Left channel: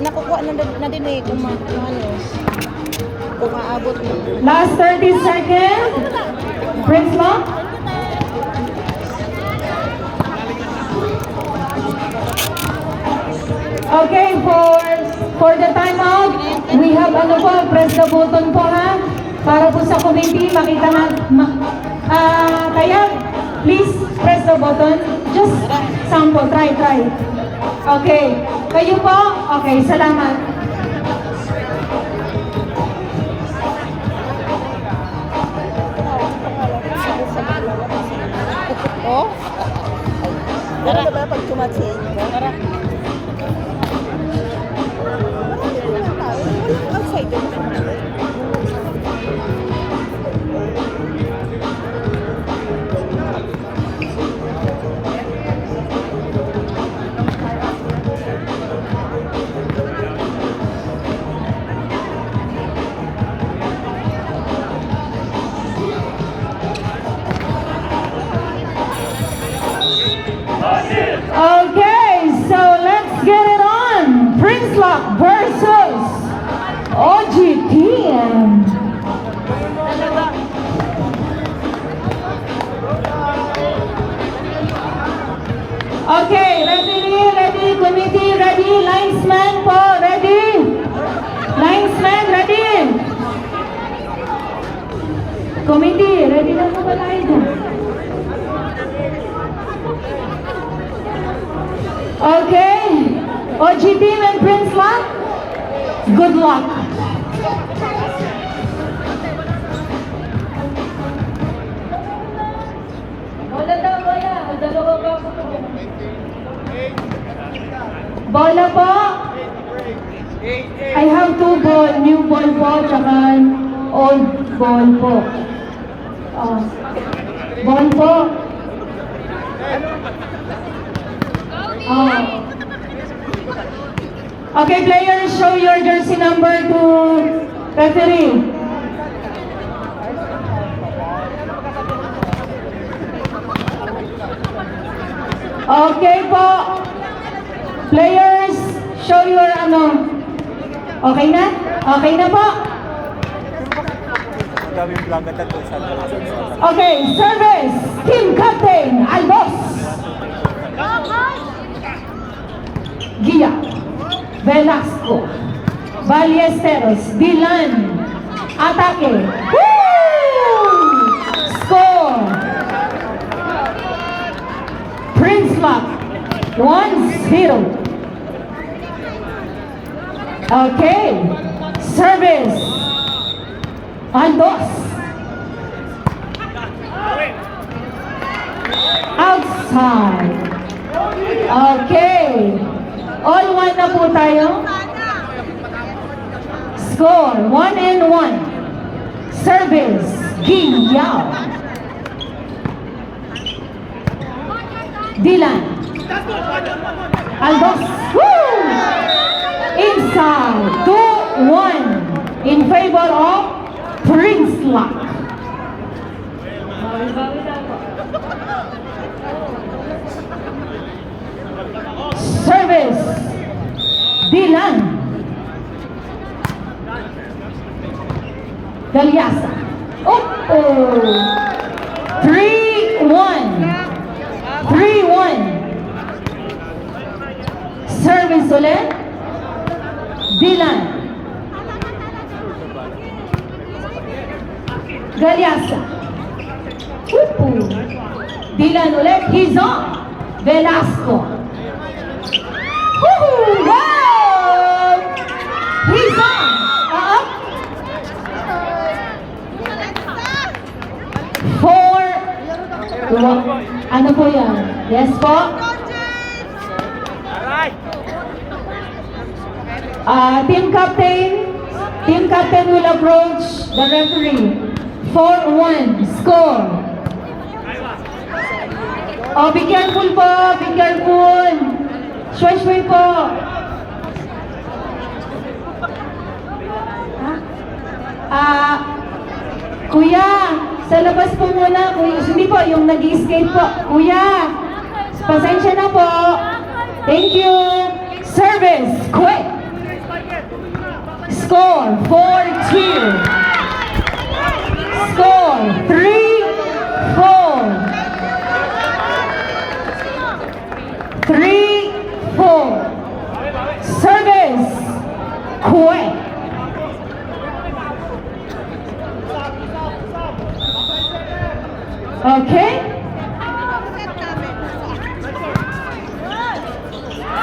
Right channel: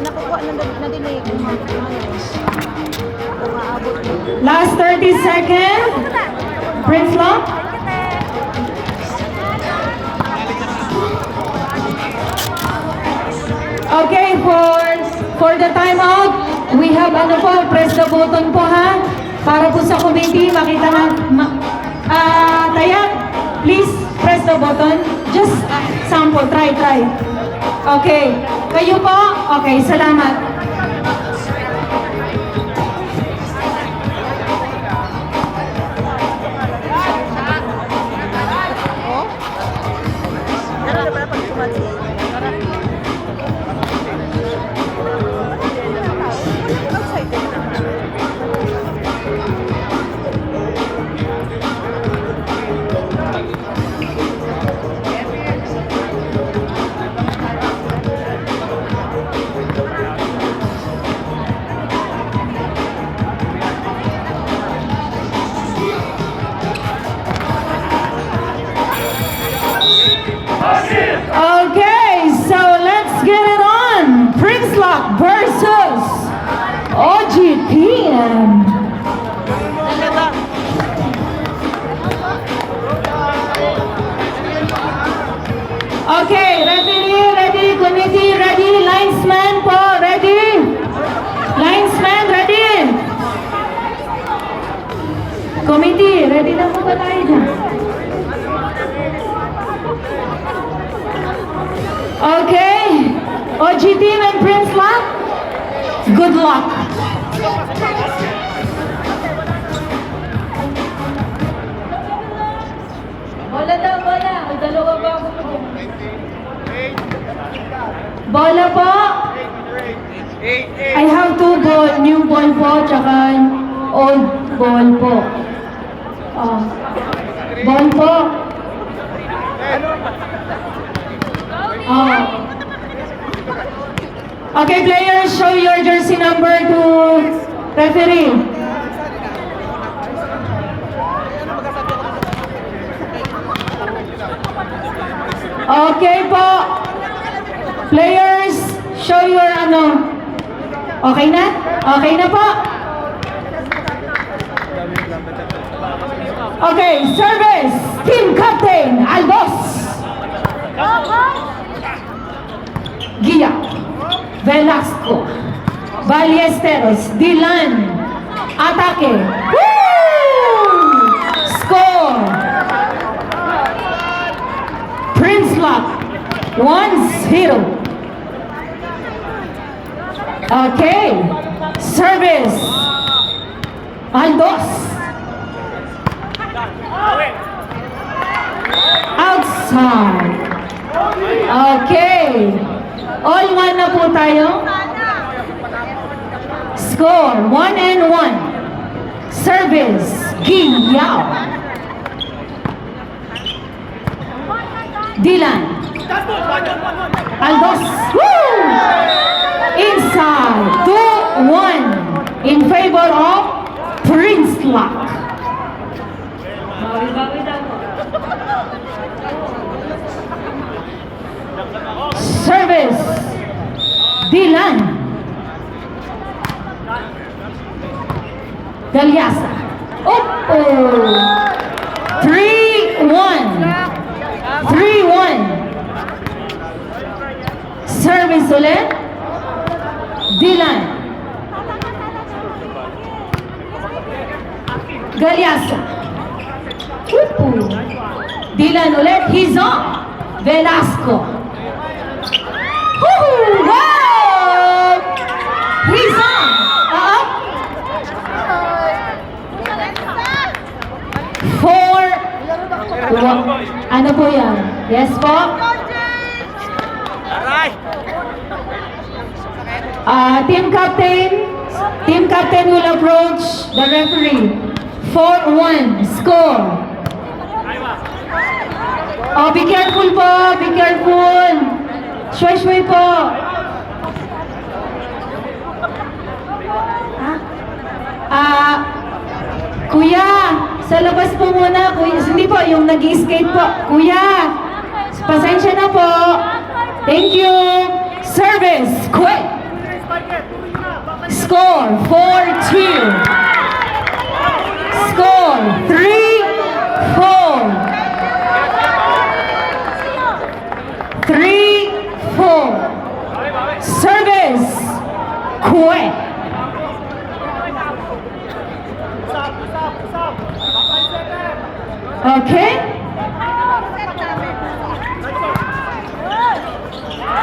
Nakukuha na din eh kung manos. Kung aabot na. Last 30 seconds. Prince Lock. Okay, for the time out, we have press the button po ha. Para po sa committee, makita na. Kaya, please press the button. Just sample, try. Okay. Kayo po? Okay, salamat. Oh? Tara na ba pag tumati? Tara. Outside din. Okay, so let's get it on. Prince Lock versus OGTM. Okay, ready, committee, ready, linesman po, ready? Linesman, ready? Committee, ready na po ba tayo dyan? Okay, OGTM and Prince Lock, good luck. Bola po. I have two ball, new ball po, tsaka old ball po. Ball po. Okay, players, show your jersey number to referee. Okay po. Players, show your Okay na? Okay na po? Okay, service, team captain, Albos. Gia, Velasco, Ballesteros, Dylan, atake. Score. Prince Lock, 1-0. Okay, service, Aldos. Outside. Okay. All one na po tayo. Score, 1-1. Service, Guiyao. Dylan. Aldos. Woo! Inside, 2-1 in favor of Prince Lock. Service, Dylan. Galyasa. 3-1. 3-1. Service ulit. Dylan. Galyasa. Dylan ulit. He's on. Velasco. Wow! He's on. Four. Ano po yan? Yes po? Team captain will approach the referee. 4-1 score. Oh, be careful po, be careful. Shway po. Kuya, sa labas po muna. Kuya, hindi po, yung nag-skate po. Kuya, pasensya na po. Thank you. Service, quick. Score, 4-2. Score, 3-4. 3-4. Service, quick. Okay?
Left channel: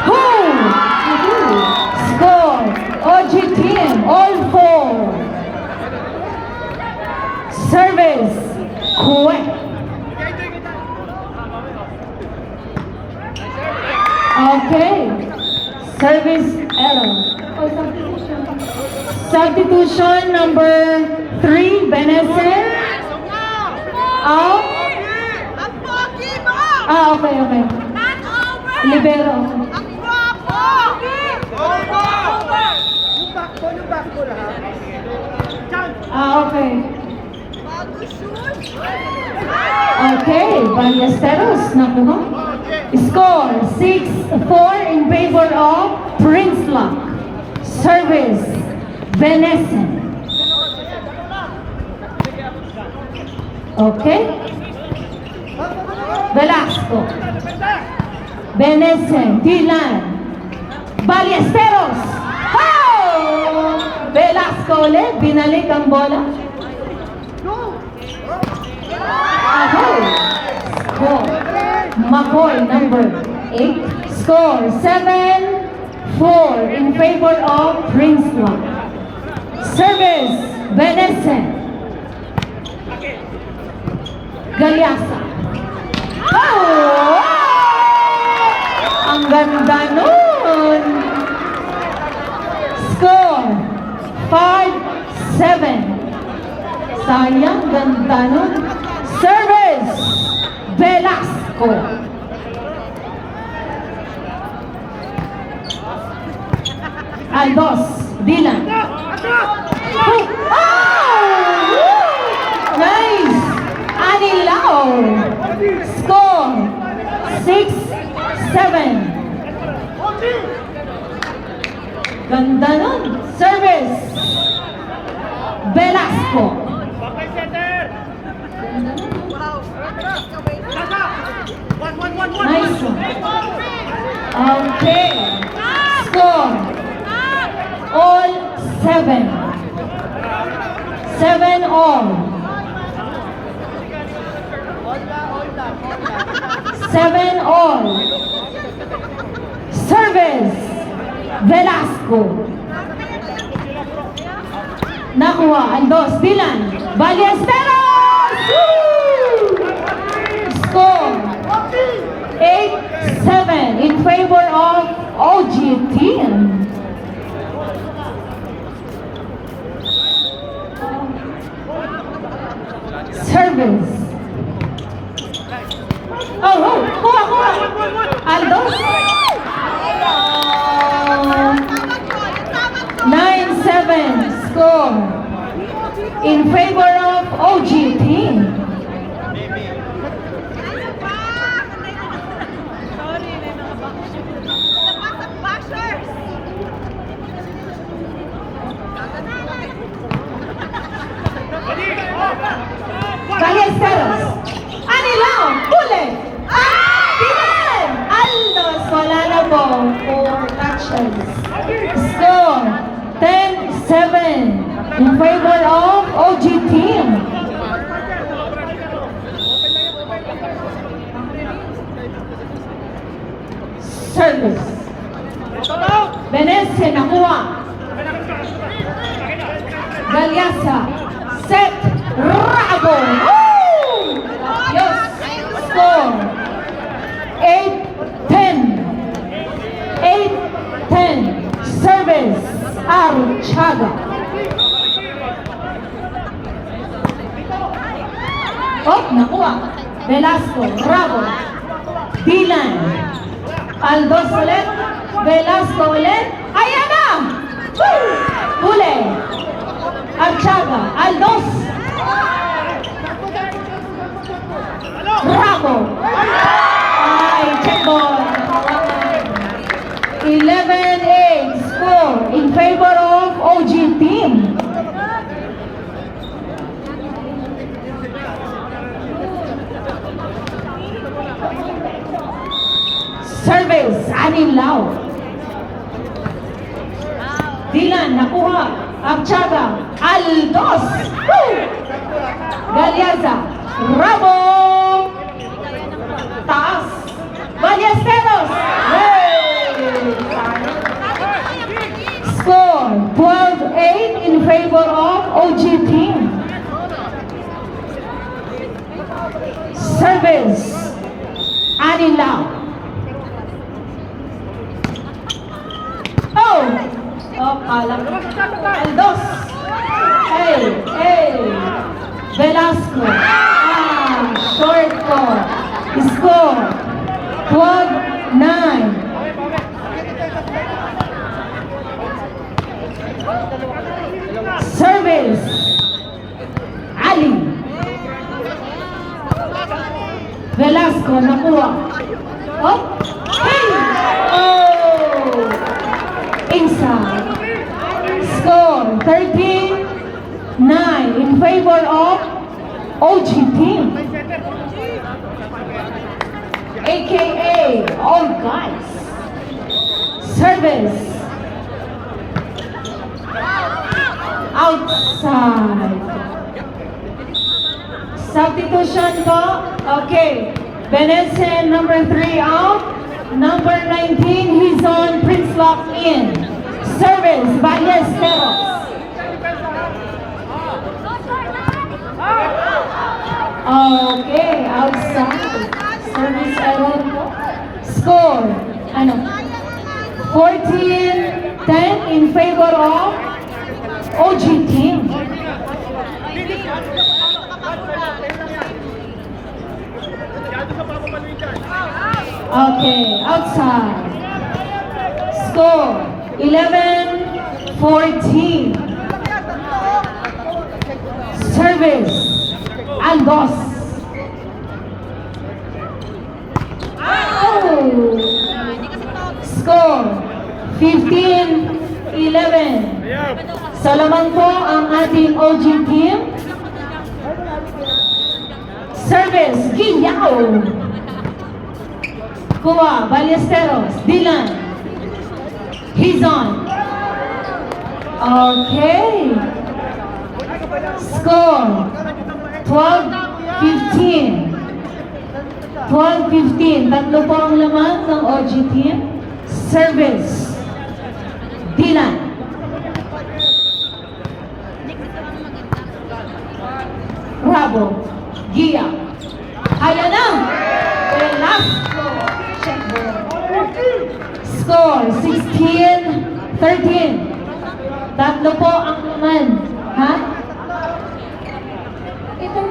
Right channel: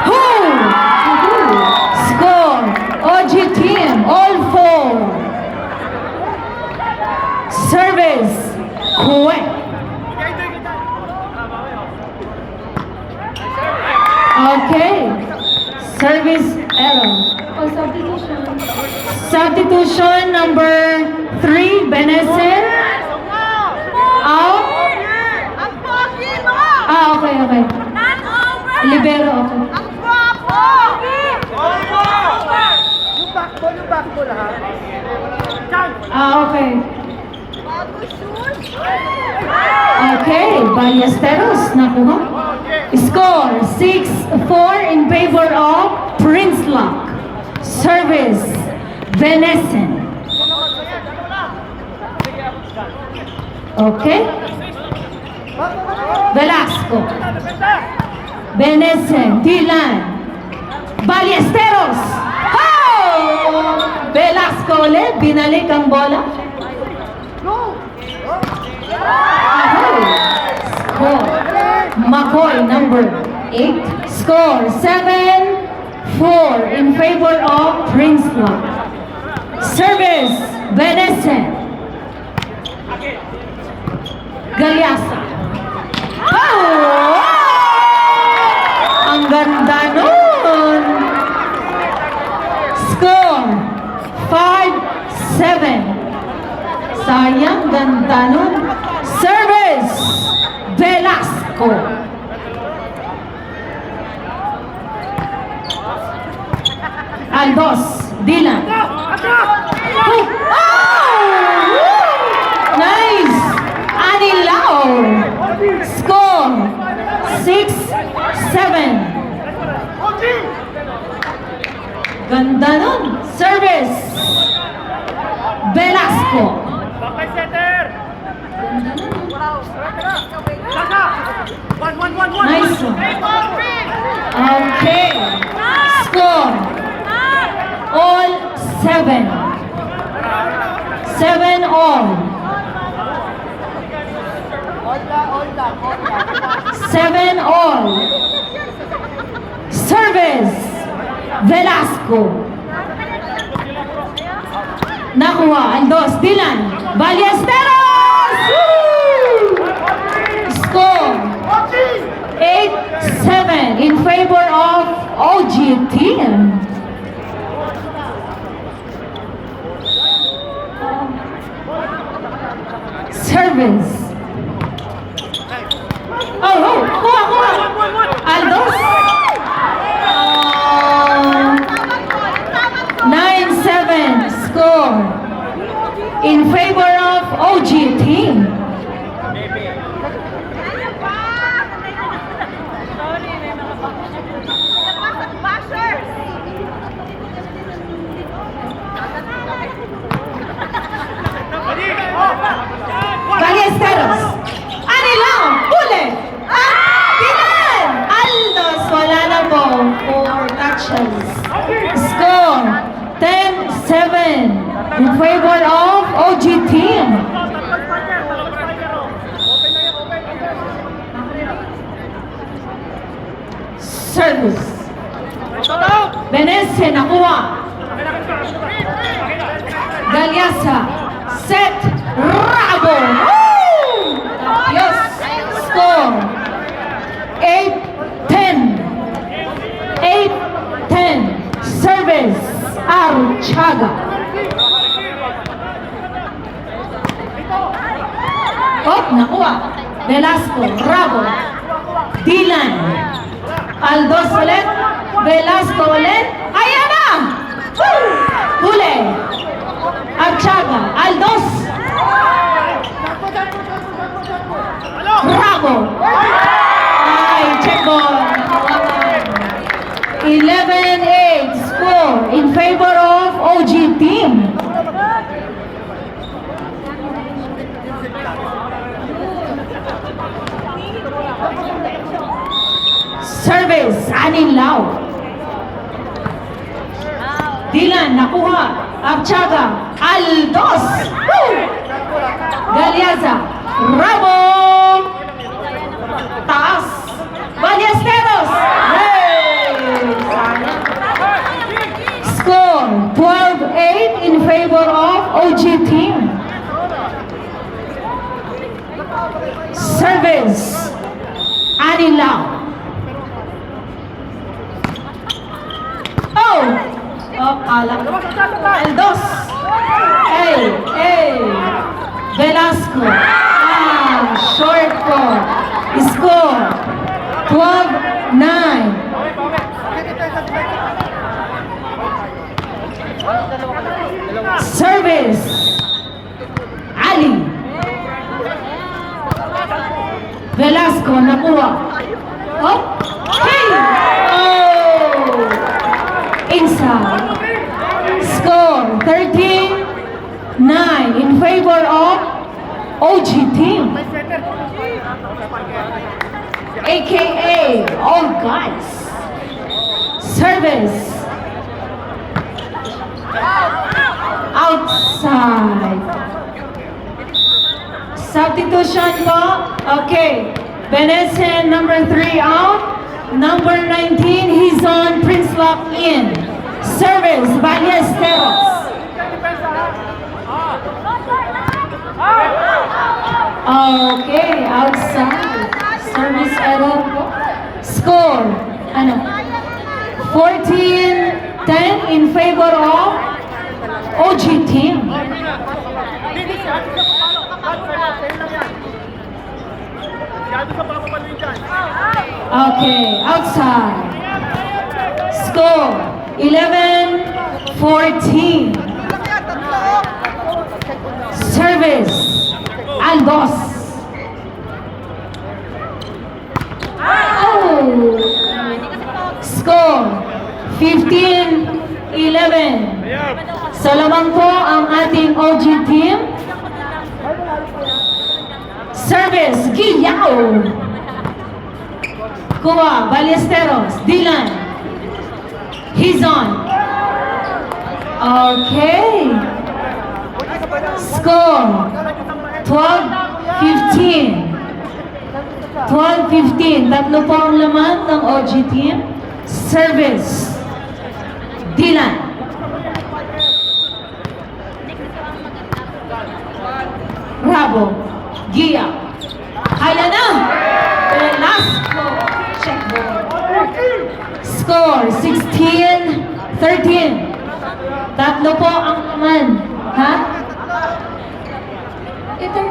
Who? Score, OG team, all four. Service, quick. Okay. Service error. Oh, substitution number 3, Benesen. Out. Okay. Libero. Yung backball ha. Okay. Okay, Ballesteros, nakuha. Score, 6-4 in favor of Prince Lock. Service, Benesen. Okay. Velasco. Benesen, Dylan. Ballesteros. Oh! Velasco ulit, binalik ang bola. Score. McCoy, number 8. Score, 7-4 in favor of Prince Lock. Service, Benesen. Galiasa. Oh! Ang ganda nun! Score, 5-7. Sayang, ganda nun. Service, Velasco. Aldos, Dylan. Oh! Nice! Anilao. Score, 6-7. Ganda nun. Service, Velasco. Bakay center! Sasa! One! Nice. Okay. Score. All 7. 7 all. 7 all. Service, Velasco. Nakuha, Aldos, Dylan. Ballesteros! Woo! Score, 8-7 in favor of OG team. Service. Kuha. Aldos. 9-7 score in favor of OG team. Ballesteros. Anilao. Huli. Dylan. Aldos. Wala na po. 4 touches. Score. 10-7 in favor of OG team. Service. Benesen nakuha. Galiasa. Set. Rabo. Woo! Yes. Score. 8-10. 8-10. Service. Archaga. Oh, nakuha. Velasco. Rabo. Dylan. Aldos ulit. Velasco ulit. Ayan na! Woo! Huli. Archaga. Aldos. Bravo. Ay, check ball. 11-8 score in favor of OG team. Service, Anin Lau. Dylan, nakuha. Abchaga, Aldos. Woo! Galiaza, Ramo. Taas. Ballesteros. Hey! Score, 12-8 in favor of OG team. Service, Anin Lau. Aldos. Hey. Velasco. Short ball. Score. 12-9. Service. Ali. Velasco nakuha. Oh. Hey. Oh. Inside. Score 13-9 in favor of OG team. AKA all guys. Service. Outside. Substitution po. Okay. Benesen number 3 out. Number 19, he's on. Prince Lock in. Service, Ballesteros. Okay, outside. Service error. Score, 14-10 in favor of OG team. Okay, outside. Score, 11-14. Service, Aldos. Oh. Score, 15-11. So lamang po ang ating OG team. Service, Guillao. Kuha, Ballesteros, Dylan. He's on. Okay. Score, 12-15. 12-15. Tatlo po ang laman ng OG team. Service, Dylan. Bravo, Gia. Kaya na! Velasco. Check ball. Score, 16-13. Tatlo po ang laman. Ha? Ito.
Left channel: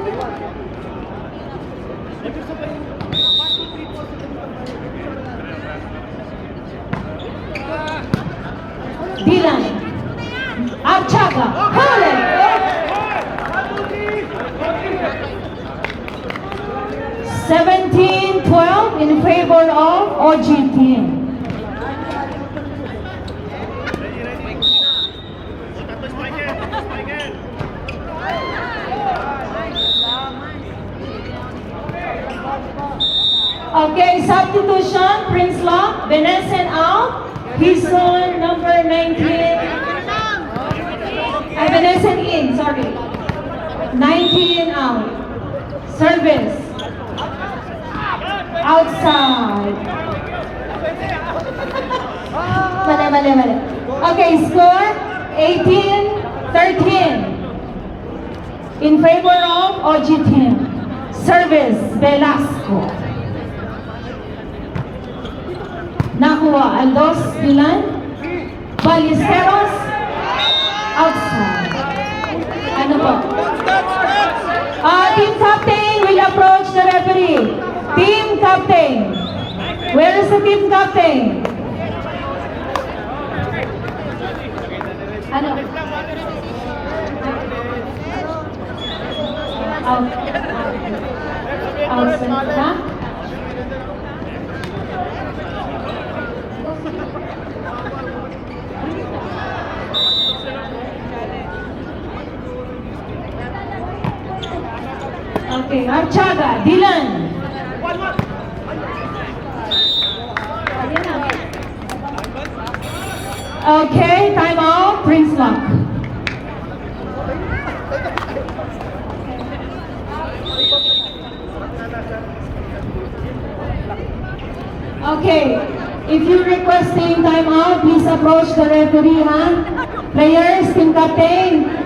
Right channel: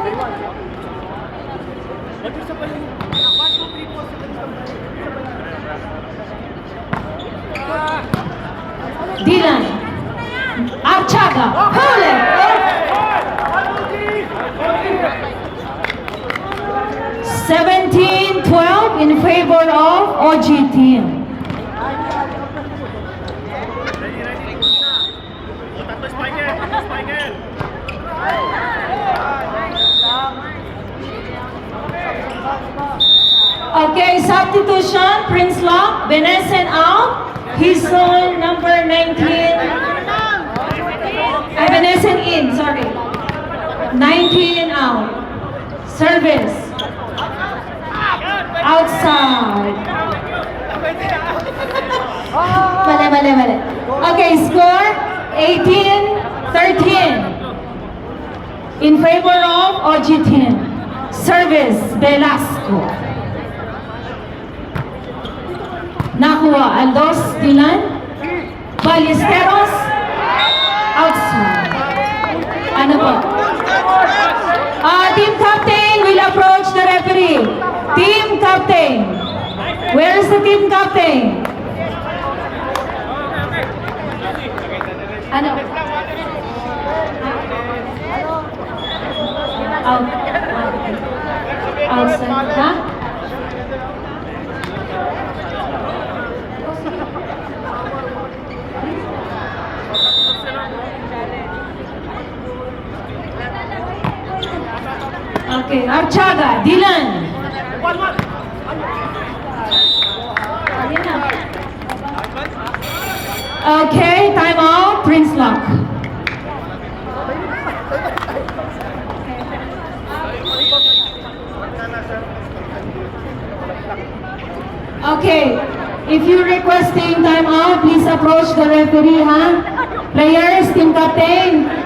Dylan. Archaga. Huli. 17-12 in favor of OG team. Okay, substitution, Prince Lock, Benesen out. He's on number 19. Benesen in, sorry. 19 out. Service. Outside. Mali. Okay, score 18-13 in favor of OG team. Service, Velasco. Nakuha, Aldos, Dylan. Ballesteros. Outside. Ano pa? Team captain will approach the referee. Team captain. Where is the team captain? Ano? Outside, ha? Okay, Archaga, Dylan. 1-1. Okay, time out, Prince Lock. Okay, if you're requesting time out, please approach the referee, ha? Players, team captain.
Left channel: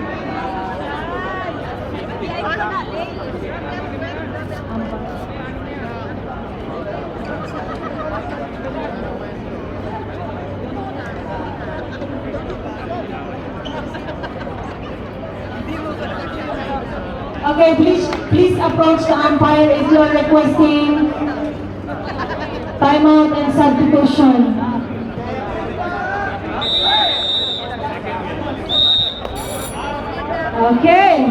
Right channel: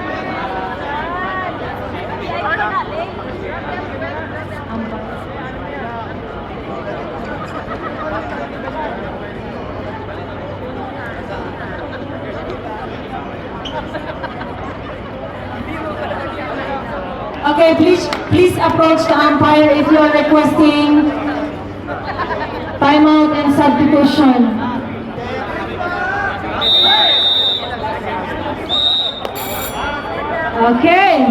Okay, please approach the umpire if you are requesting timeout and substitution. Okay.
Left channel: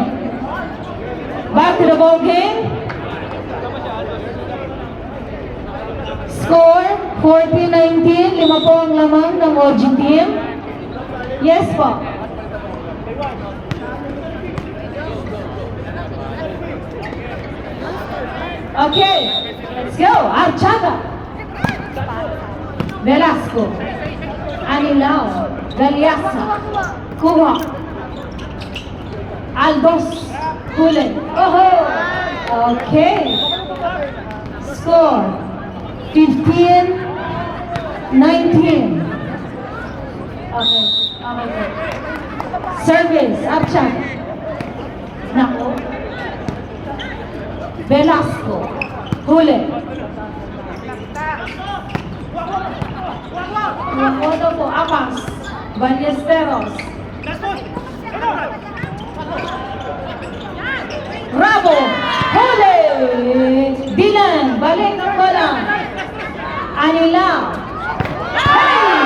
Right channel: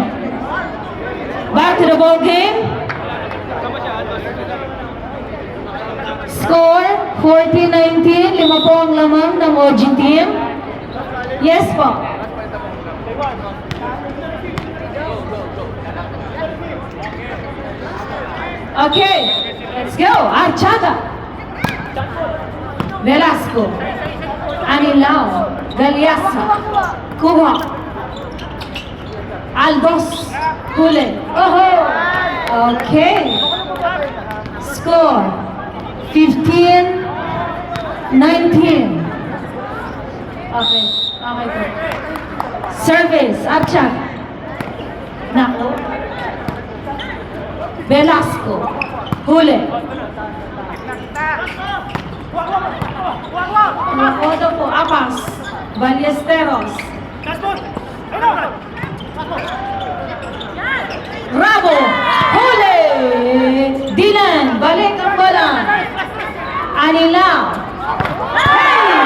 Back to the ball game. Score 40-19. 5 po ang lamang ng OG team. Yes po. Okay. Let's go. Archaga. Velasco. Anilao. Galiasa. Kuha. Aldos. Kulen. Okay. Score 15-19. Okay. Okay po. Service. Archaga. Nako. Velasco. Kulen. Odo po, Apas. Ballesteros. Bravo! Huli! Dylan, balik ang bola. Anilao. Hey!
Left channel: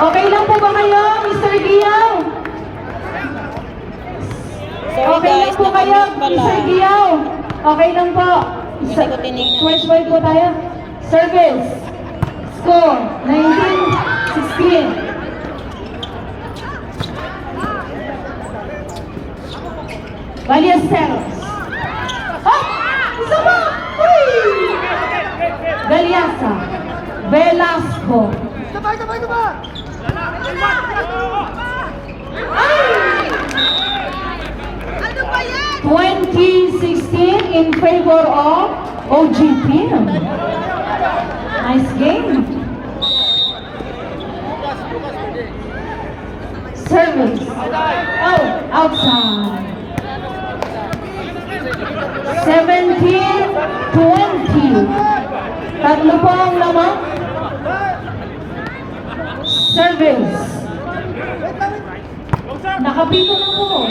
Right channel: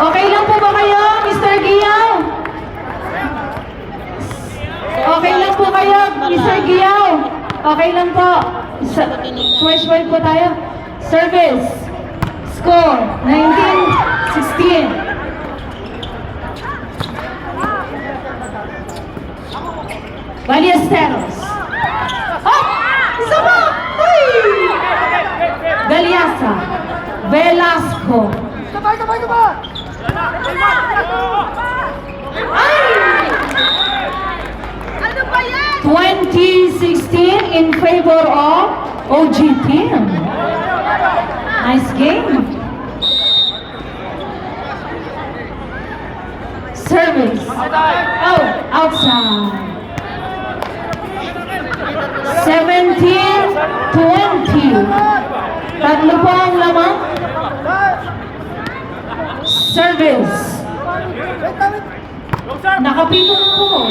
Okay lang po ba kayo, Mr. Giyaw? Okay lang po kayo, Mr. Giyaw? Okay lang po. Fresh five po tayo. Service. Score 19-16. Ballesteros. Isa pa! Galiasa. Velasco. Sabay ba? 2016 in favor of OG team. Nice game. Service. Oh, outside. 17-20. Tatlo pa ang lamang. Service. Nakapito na po.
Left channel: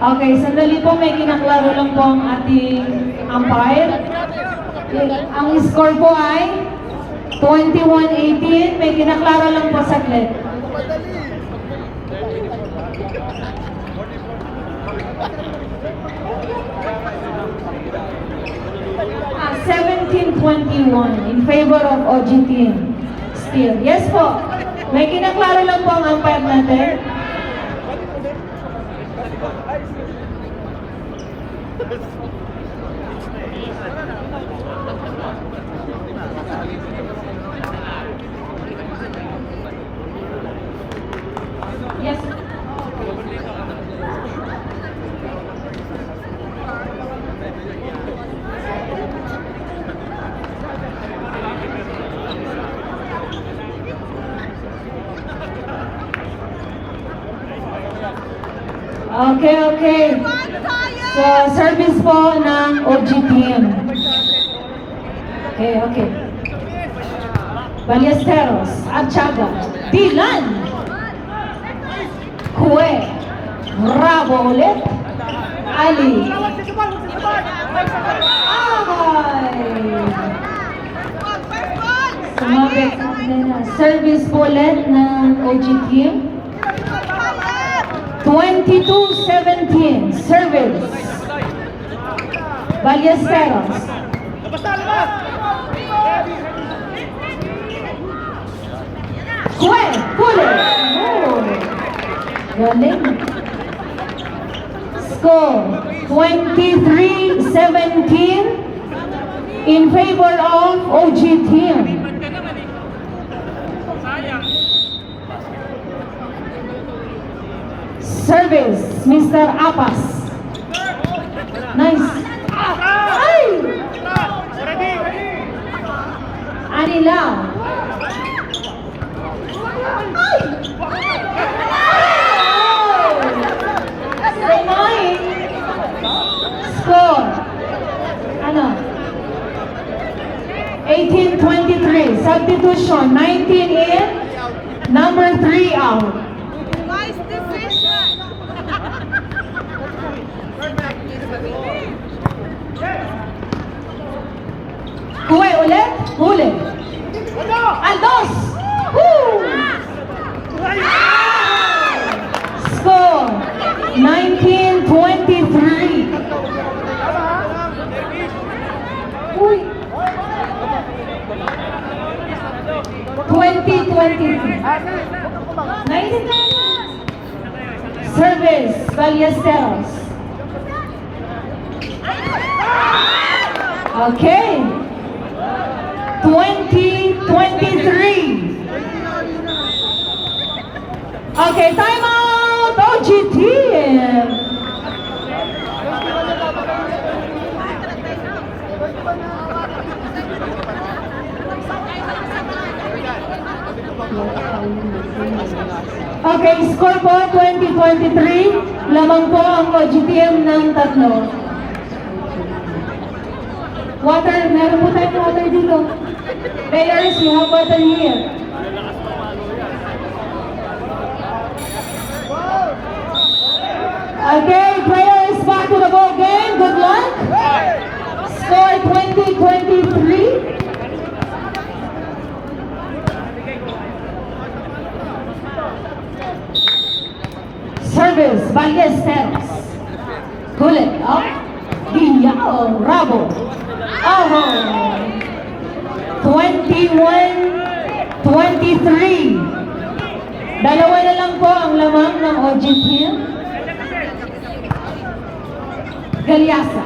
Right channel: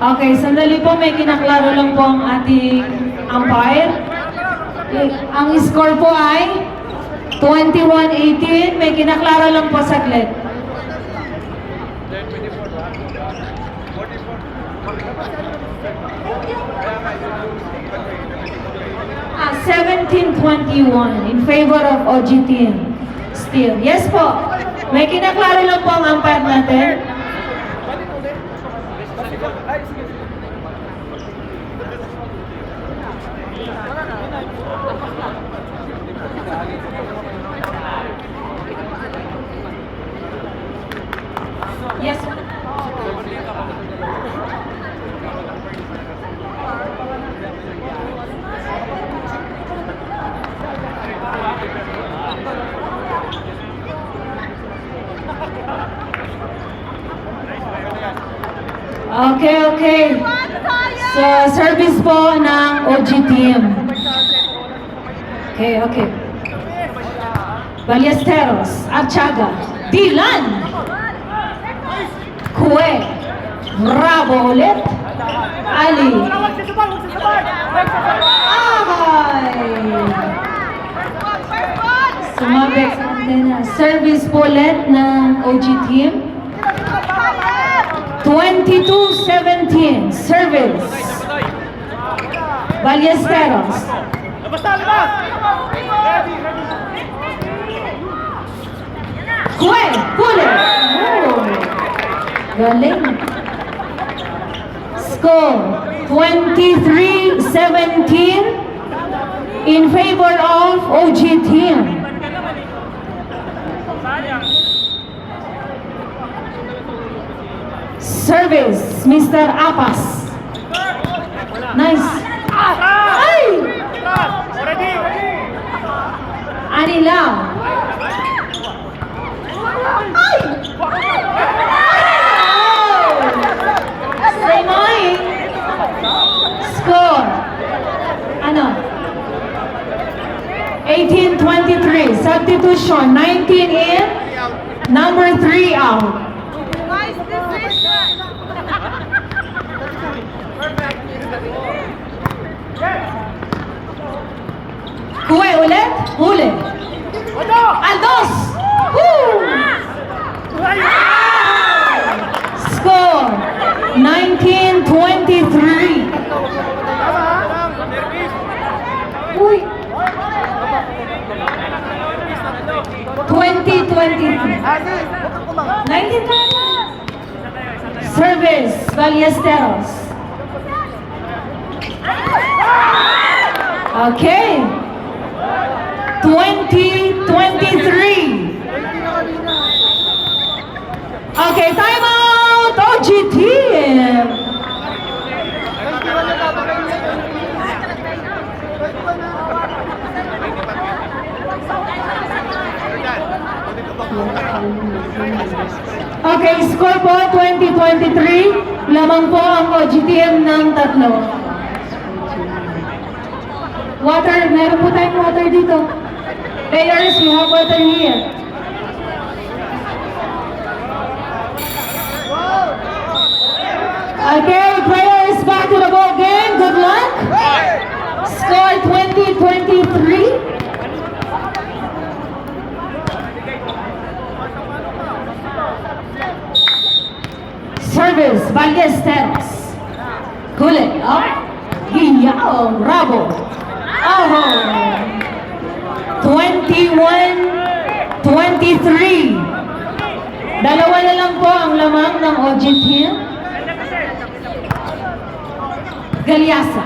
Okay, sandali po, may kinaklaro lang po ang ating umpire. Ang score po ay 21-18. May kinaklaro lang po saglit. 17-21 in favor of OG team. Still. Yes po. May kinaklaro lang po ang umpire natin. Yes. Okay. So, service po ng OG team. Okay. Ballesteros, Archaga, Dylan, Kue, Bravo ulit, Ali, sumabit na service po ulit ng OG team. 22-17, service. Ballesteros. Labas! Ready! Kue, Kule. Oh, galing. Score 23-17 in favor of OG team. Service, Mr. Apas. Nice. Ay! Already! Anilaw. Renoy. Score. Ano? 18-23. Substitution. 19 in. Number 3 out. Kuwe ulit. Ulit. Ano? Aldos. Woo! Score 19-23. Uy. 20-23. 19. Service Ballesteros. Okay. 20-23. Okay, time out. OG team. Okay, score po 20-23. Lamang po ang OG team ng tatlo. Water, meron po tayong water dito. Players, you have water here. Okay, players, back to the ball game. Good luck. Score 20-23. Service, Ballesteros. Kulit, Guillao, Rabo. Oh, 21-23. Dalawa na lang po ang lamang ng OG team. Galiasa.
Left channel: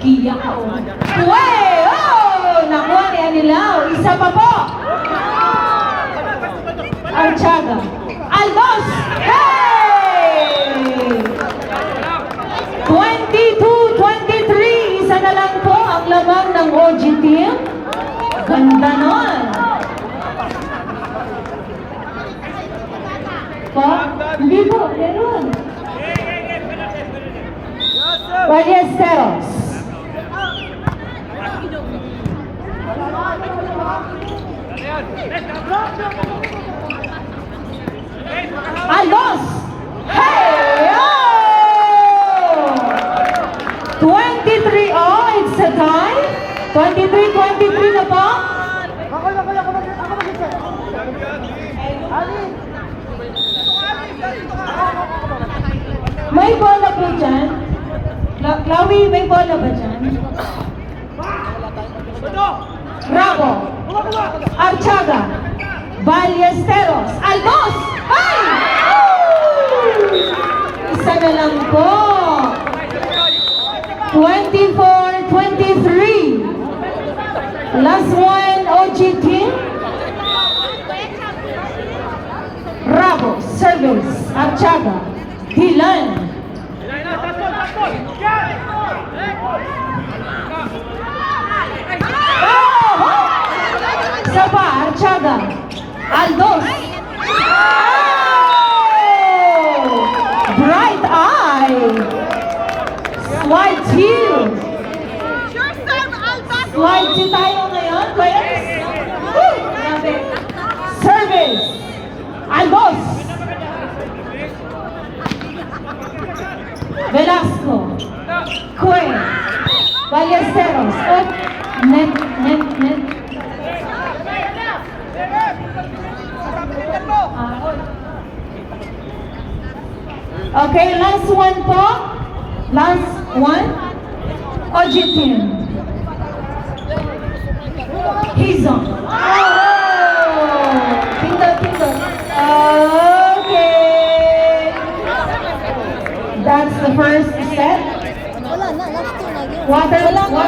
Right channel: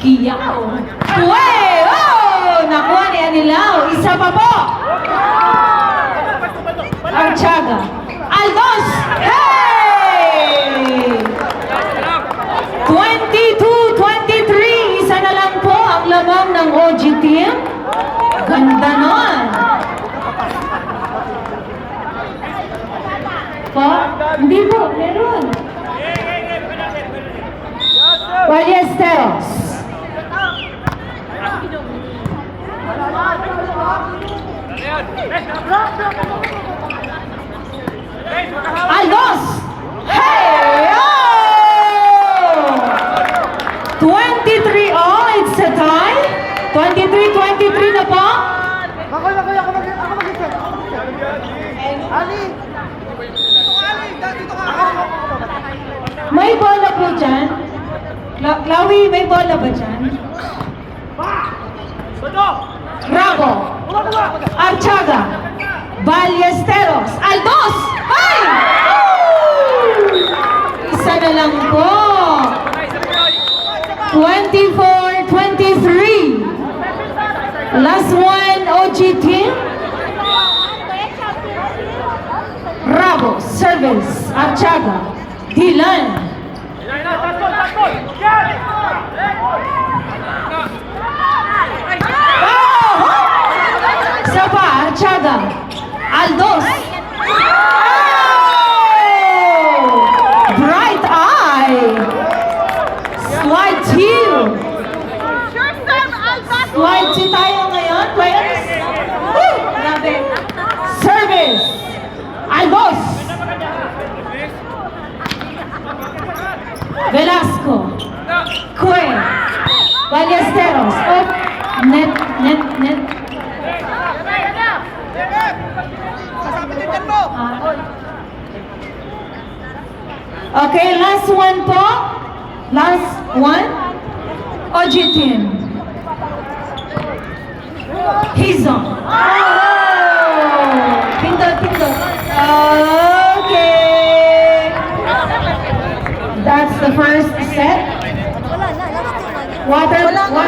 Guillao. Uwe! Oh! Nakuha ni Anilaw. Isa pa po. Archaga. Aldos! Hey! 22-23. Isa na lang po ang lamang ng OG team. Ganda nun. Po? Hindi po. Meron. Ballesteros. Aldos! Hey! Oh! 23 all, it's a tie. 23-23 na po. May bola po dyan. Chloe, may bola ba dyan? Rabo. Archaga. Ballesteros. Aldos! Ay! Isa na lang po. 24-23. Last one, OG team. Rabo. Service. Archaga. Dilan. Sapa, Archaga. Aldos. Oh! Bright eye. Slide two. Slide two tayo ngayon, players. Woo! Grabe. Service. Aldos. Velasco. Cue. Ballesteros. Oh, net. Okay, last one po. Last one. OG team. Hizon. Oh! Pindot the first set. Wala na, last two na yun. Water, Wala nga